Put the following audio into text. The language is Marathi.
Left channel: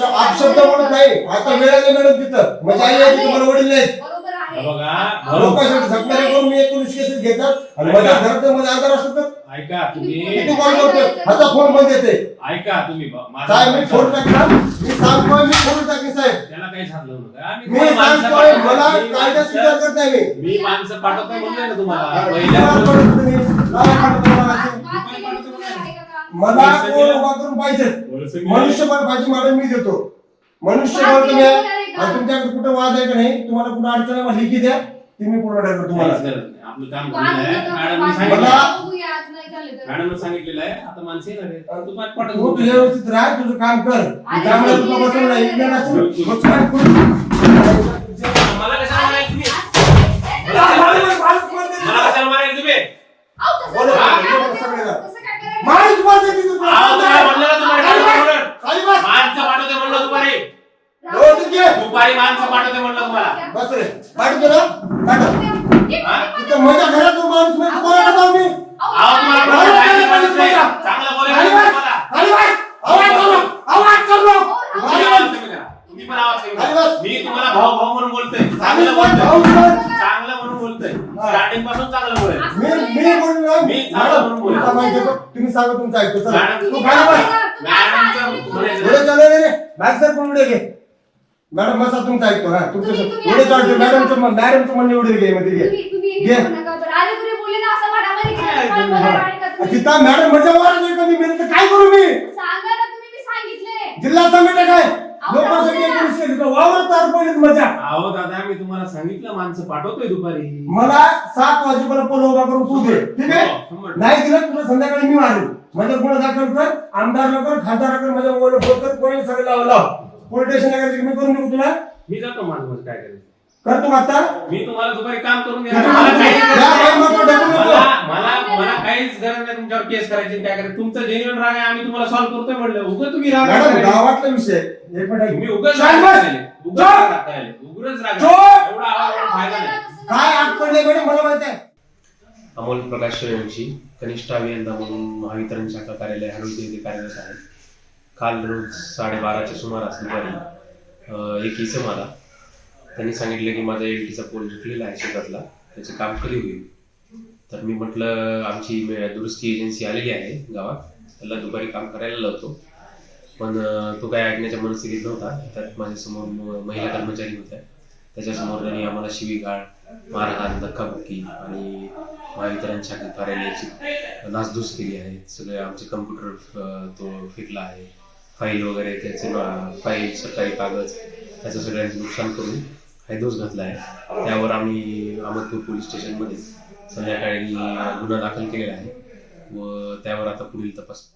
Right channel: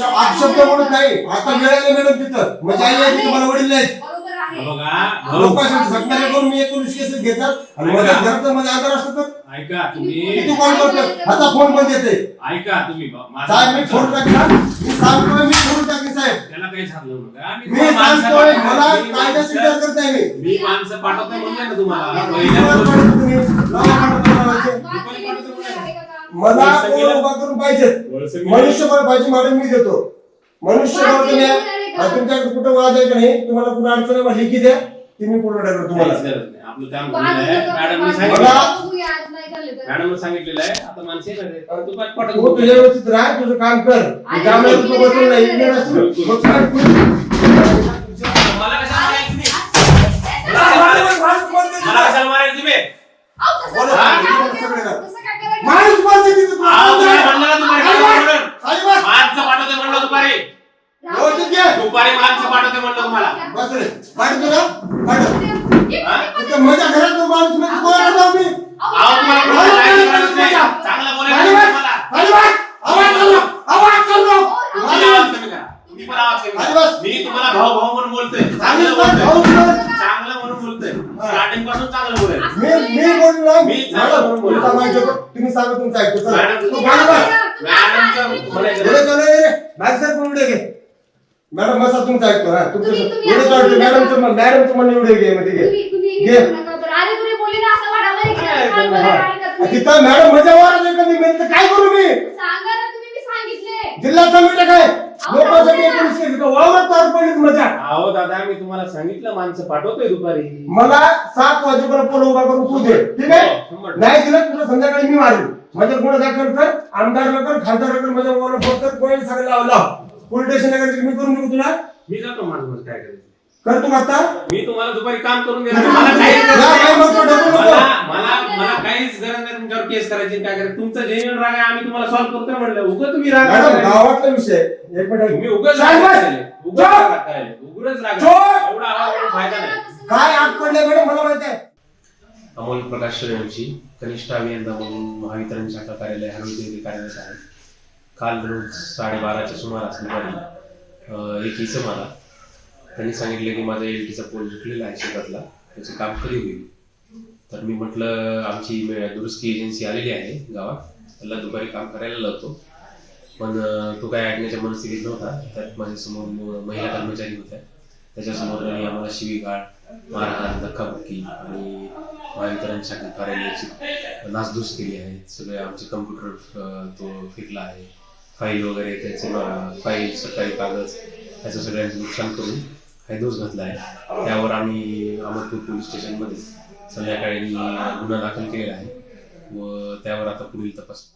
अपशब्द बोलत नाही. आता वेळेला मॅडम तिथं. म्हणजे आई आहे तुम्हाला वडील नाहीत. बरोबर आहे. हे बघा लोकांसाठी झटणारे करून मी एकोणीस केसेस घेतात आणि माझ्या घराचं मध्ये आधार असतो तर? ऐका तुम्ही किती कॉल करतो. आता फोन बंद येते ऐका तुम्ही ब- माझा साहेब मी फोन टाकला. मी सांगतोय मी फोन टाकली साहेब. त्याला काही झालं नका आणि मी तुम्हाला माणसं सांगतोय पाठवतो. मला मी कायद्याची माणसं- विचार करत नाही मी माणसं म्हणले ना तुम्हाला. पहिल्या तुम्ही. मला पाठवतो मला माहिती आहे. बात केलेली चुकीचं आहे का काम? मला कोण उभा करून पाहिजे मनुष्यबळ पाहिजे मॅडम मी देतो. मनुष्यबळ तुम्ही आणि तुमच्याकडे कुठं वाद आहे का नाही तुम्हाला कुठं अडचण आहे, मला लिखी द्या. की मी पूर्ण करतो तुम्हाला. मॅडमने सांगितलेलं आहे आता माणसे. तू. तू तुझ्या व्यवस्थित राह तुझं काम कर. त्यामुळे तुम्ही तुला बसून नाही काय इकडे करणार? नसेल. मग काय करू? मला कशाला मारायला तुम्ही? मला कशाला मारायला तुम्ही? अहो, तसं बोला, काय बोला, करायचं? सगळं करा. तसं काय करायचं? माणूस बोलते तिथं तुला. अहो, तुम्ही म्हणलं ना दुपारी पाठवतो म्हणून. खाली बस. माणसं पाठवते म्हणलं दुपारी हो, ठीक आहे. दुपारी माणसं पाठवते म्हणलं तुम्हाला बस रे. पाठवतो ना? पाठव. तिथं माझ्या घरात जो माणूस म्हणजे कोणाला जाऊ मी? अहो, तुम्हाला कोणाला जायचं माहितीच नाही. चांगलं बोलायचं खाली नाही बस. तुम्हाला. खाली बस. आवाज करू. आवाज करू. तुम्ही खाली आवाज बस. कमी करा. तुम्ही पण आवाज कमी खाली करा. बस. मी तुम्हाला भाऊ भाऊ म्हणून बोलतोय चांगलं. बोलतोय बोल. चांगलं म्हणून बोलतोय हा. स्टार्टिंगपासून चांगलं बोलायचं मी मी ना मी चांगलं म्हणून बोलतो. तुमचा माहिती होतं. तुम्ही सांगा तुमचं ऐकतो चला. मॅडम, तू खाली बस. मॅडमचं म्हणायचं पुढे चालू रे. घे मॅडम बसा तुमचं ऐकतो हा तुमचं तुम्ही- तुम्ही असं चालतो बोलू नका. मॅडमचं मन- मॅडमचं म्हणणं एवढे घे मध्ये घे. तुम्ही- तुम्ही हे घे. करू नका बरं. अरे तुम्ही बोलले ना असं काय काय? तिथं मॅडम मजा वाढत कधी. मी तर काय करू मी? सांगा ना तुम्ही मी सांगितले. जिल्हा समिती काय. एकोणीसशे तिथं वावरात तार मजा. अहो दादा मी तुम्हाला सांगितलं माणसं पाठवतोय दुपारी. मला सात वाजेपर्यंत पोल उभा करून तू दे. ठीक आहे? हो, शंभर टक्के. नाही दिलं तुला संध्याकाळी मी मारेन. म्हणजे गुन्हा दाखल कर आमदारला कर खासदारला कर माझ्या मोबाईल फोन कर कोणी सगळं लाव लाव. पोलीस स्टेशन मी करून देऊ तुला मी जातो माझं काय करायचं कर तू आता मी तुम्हाला दुपारी काम करून देणार मला काही- या बाई मग तू डबल नको. मला मला मला काहीच गरज नाही तुमच्यावर केस करायची काय करायचं तुमचं राग आहे आम्ही तुम्हाला सॉल्व्ह करतोय म्हणलं उगं तुम्ही राग मॅडम करायला. गावातला विषय एक मिनिट ऐक. तुम्ही उगाच शांत राग बस. करायला. उगाच जा. राग करायला. उगाच राग चोर. करायला. एवढा आवाज करून फायदा नाही काय आग पडले मॅडम मला माहीत आहे अमोल प्रकाश सूर्यवंशी कनिष्ठ अभियंता म्हणून महावितरण शाखा कार्यालय हरवते येथे कार्यरत आहे काल रोज साडेबाराच्या सुमारास दुपारी एक इसम आला. त्यांनी सांगितलं की माझा एल टीचा पोल झुकलेला आहे शेतातला त्याचे काम कधी होईल? तर मी म्हटलं आमची दुरुस्ती एजन्सी आलेली आहे गावात त्याला दुपारी काम करायला लावतो. पण तो काय ऐकण्याच्या मनस्थितीत नव्हता. त्यात माझ्यासमोर महिला कर्मचारी होत्या. त्याच्यासमोर त्यांनी आम्हाला शिवीगाळ मारहाण धक्काबुक्की आणि महावितरणच्या कार्यालयाची नासधूस केली आहे. सगळे आमचे कम्प्युटर तो फिरला आहे. फाईल वगैरे त्याचे फाईल सकाळी कागद त्याचं सगळ्यांचं नुकसान करून हैदोस घातला आहे. त्यावर आम्ही अहमदपूर पोलीस स्टेशनमध्ये संध्याकाळी गुन्हा दाखल केलेला आहे. व त्यावर आता पुढील तपास